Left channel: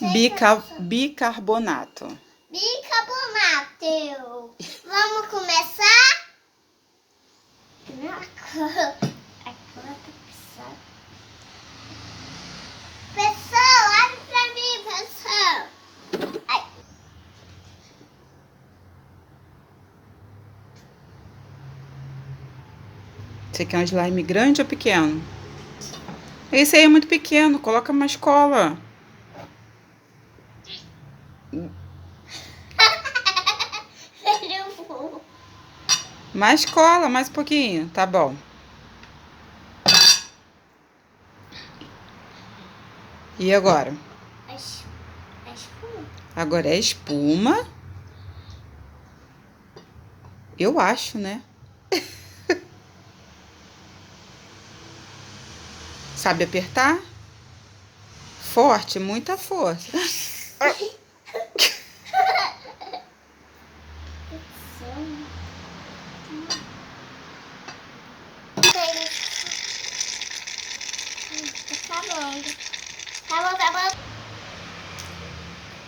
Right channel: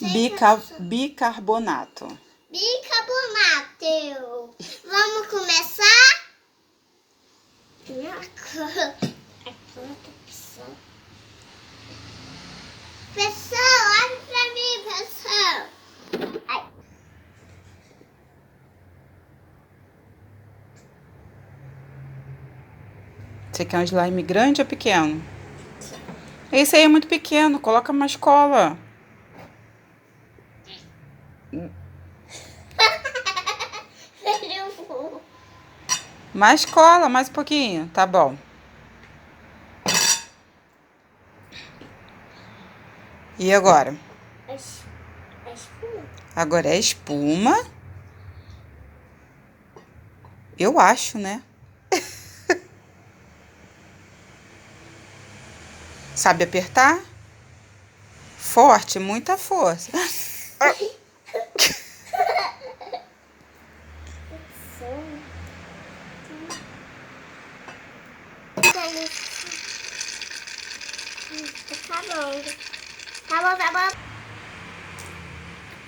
Bicarbonato. Bicarbonato. Vamos começar? Primeira coisa. A cor tá pisando. Pessoal, olha pra mim, pessoal. Ai. Você quer um slime grande ou pequeno? Esse aí é muito pequeno, coloca mais cola. Mais cola, mais um pouquinho, tá bom. E agora? A espuma. Agora é espuma. Eu acho, né? Sabe apertar? Forte, muita força. Tá bom. Tá bom, tá bom.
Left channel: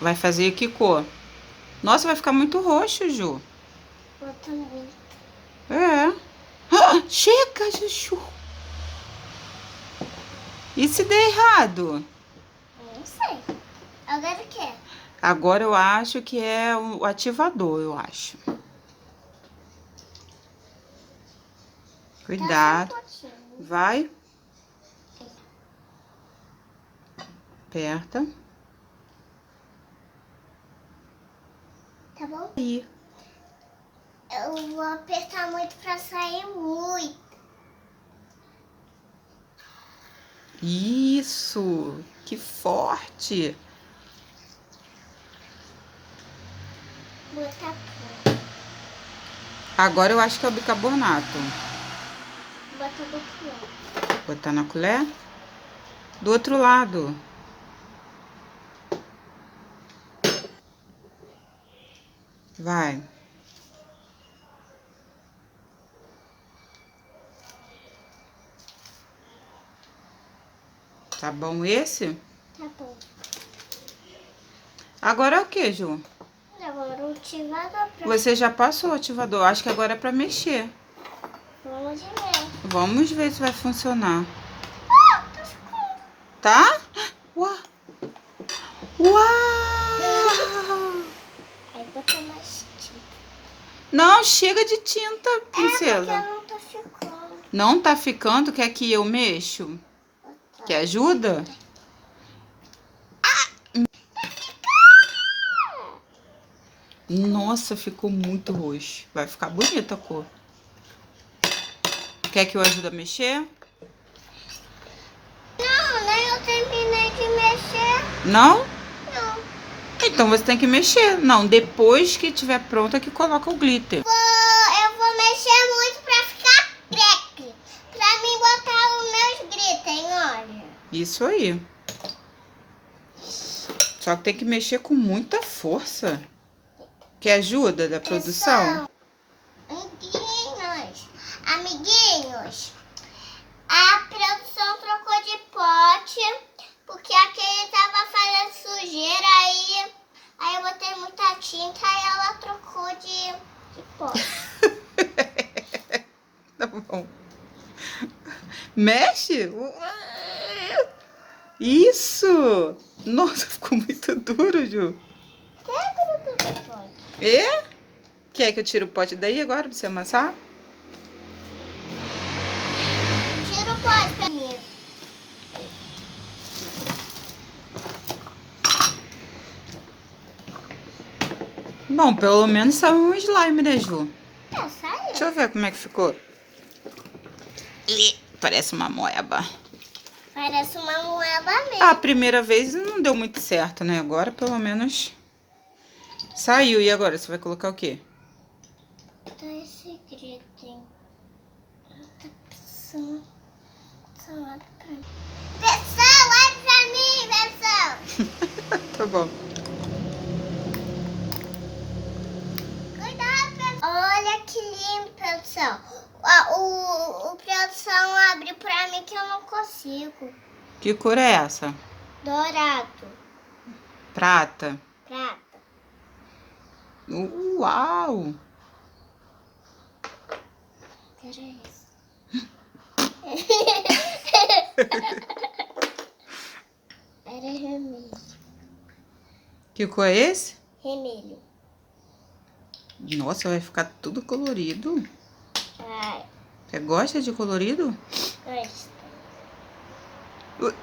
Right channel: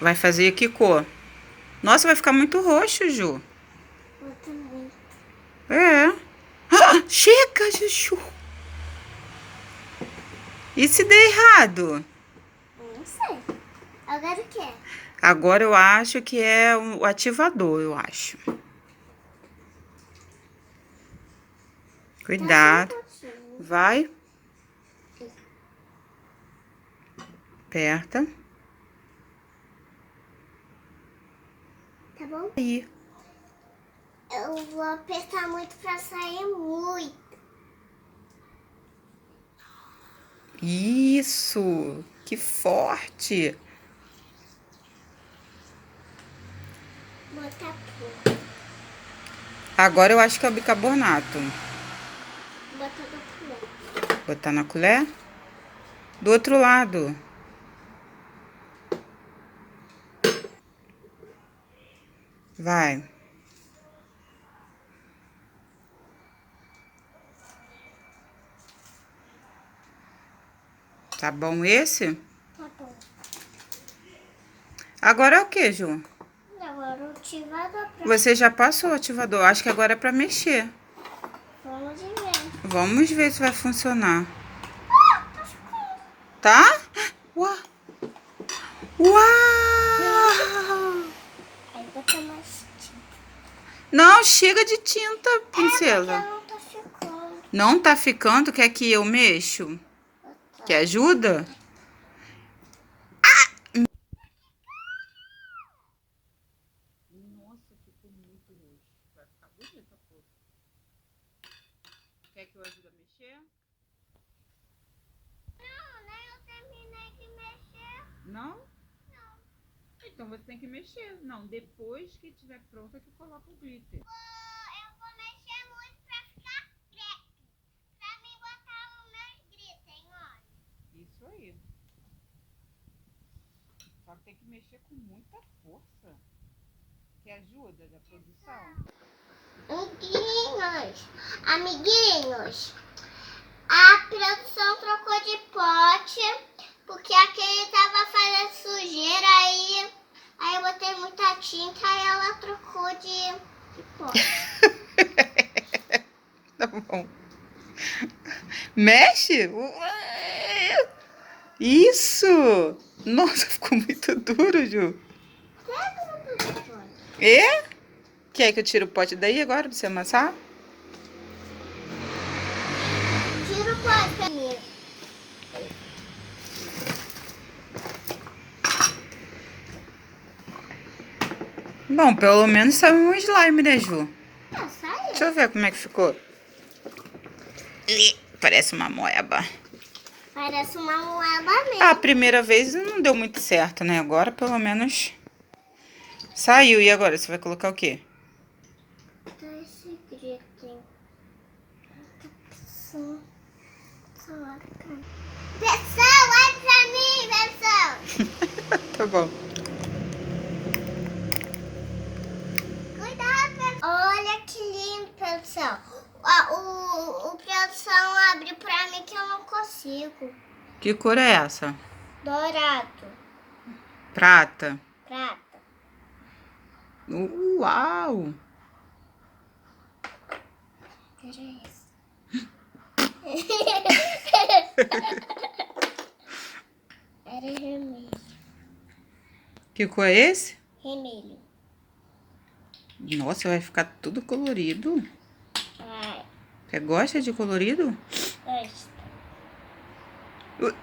Vai fazer que cor? Nossa, vai ficar muito roxo, Ju. Eu também. É. Ah, chega, Juju. E se der errado? Eu não sei. Agora o quê? Agora eu acho que é o ativador, eu acho. Cuidado. Vai. Aperta. Tá bom? Aí. Eu vou apertar muito pra sair muito. Isso. Que forte. Botar tudo. Agora eu acho que é o bicarbonato. Botar do colher. Botar na colher. Do outro lado. Vai. Tá bom esse? Tá bom. Agora é o que, Ju? Agora o ativador pra... Você já passou o ativador. Acho que agora é pra mexer. Vamos ver. Vamos ver se vai funcionar. Ah, tá ficando. Tá? Uau! Uau! Aí botar mais tinta. Não, chega de tinta, princesa. Não tá ficando. Não tá ficando? Quer que eu mexo? Quer ajuda? Nossa, ficou muito roxo. Vai ficar bonita a cor. Quer que eu ajude a mexer? Não, nem eu terminei de mexer. Não? Não. Então você tem que mexer. Não, depois que tiver pronta que coloca o glitter. Eu vou mexer muito pra ficar creque. Pra mim botar os meus glitter, olha. Isso aí. Só que tem que mexer com muita força. Quer ajuda da produção? Amiguinhos, a produção trocou de pote, porque aquele tava fazendo sujeira, aí eu botei muita tinta e ela trocou de pote. Tá bom. Mexe? Isso! Nossa, ficou muito duro, Ju. Quebra tudo o pote. É? Quer que eu tire o pote daí agora pra você amassar? Tira o pote pra mim. Bom, pelo menos saiu um slime, né, Ju? Saiu. Deixa eu ver como é que ficou. Parece uma moeba. Parece uma moeda mesmo. A primeira vez não deu muito certo, né? Agora, pelo menos, saiu. E agora, você vai colocar o quê? Tá esse grito, hein? Pessoal, olha pra mim, pessoal. Tá bom. Cuidado, pessoal. Olha que lindo, pessoal. O produção abre pra mim que eu não consigo. Que cor é essa? Dourado. Prata. Prata. Uau! Era esse. Era vermelho. Que cor é esse? Vermelho. Nossa, vai ficar tudo colorido. Ai, Você gosta de colorido? gosto. Ui.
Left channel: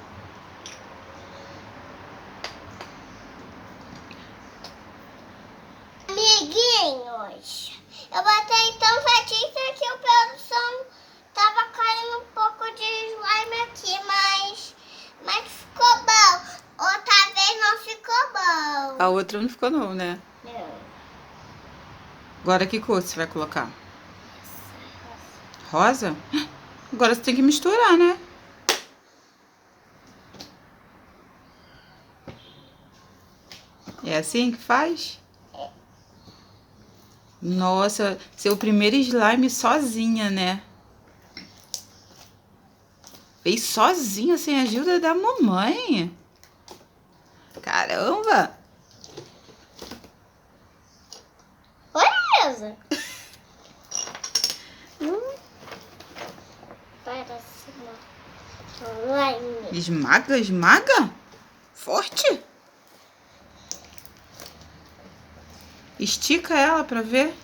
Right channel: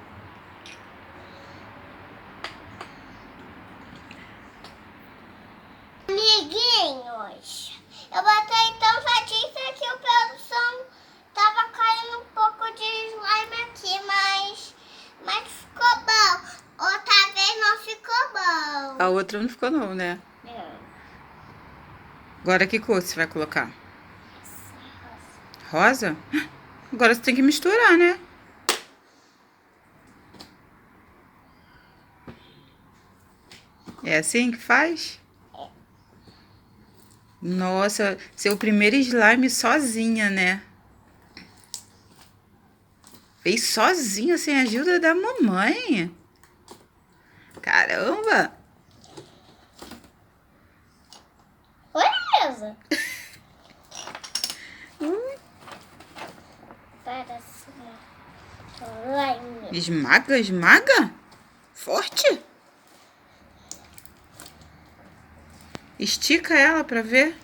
Amiguinhos, eu botei tanta tinta que o produção tava caindo um pouco de slime aqui, mas ficou bom. Outra vez não ficou bom. A outra não ficou não, né? Não. Agora que cor você vai colocar? Rosa? Agora você tem que misturar, né? É assim que faz? Nossa, seu primeiro slime sozinha, né? Fez sozinha, sem a ajuda da mamãe. Caramba! Oi, Elza. Parece slime. Esmaga, esmaga? Forte? Estica ela pra ver.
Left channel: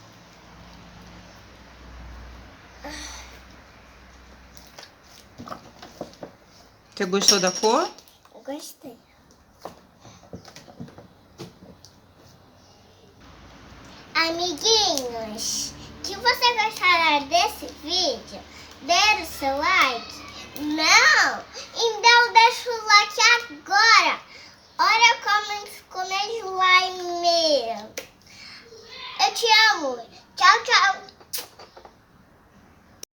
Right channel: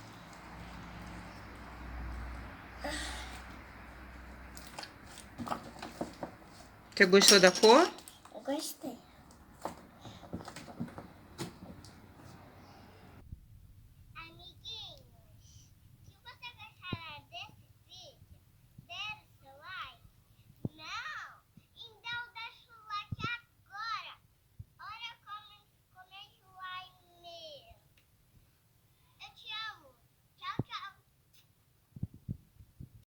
Você gostou da cor? Eu gostei. Amiguinhos, se você gostar desse vídeo, dê o seu like. Não! Então deixa o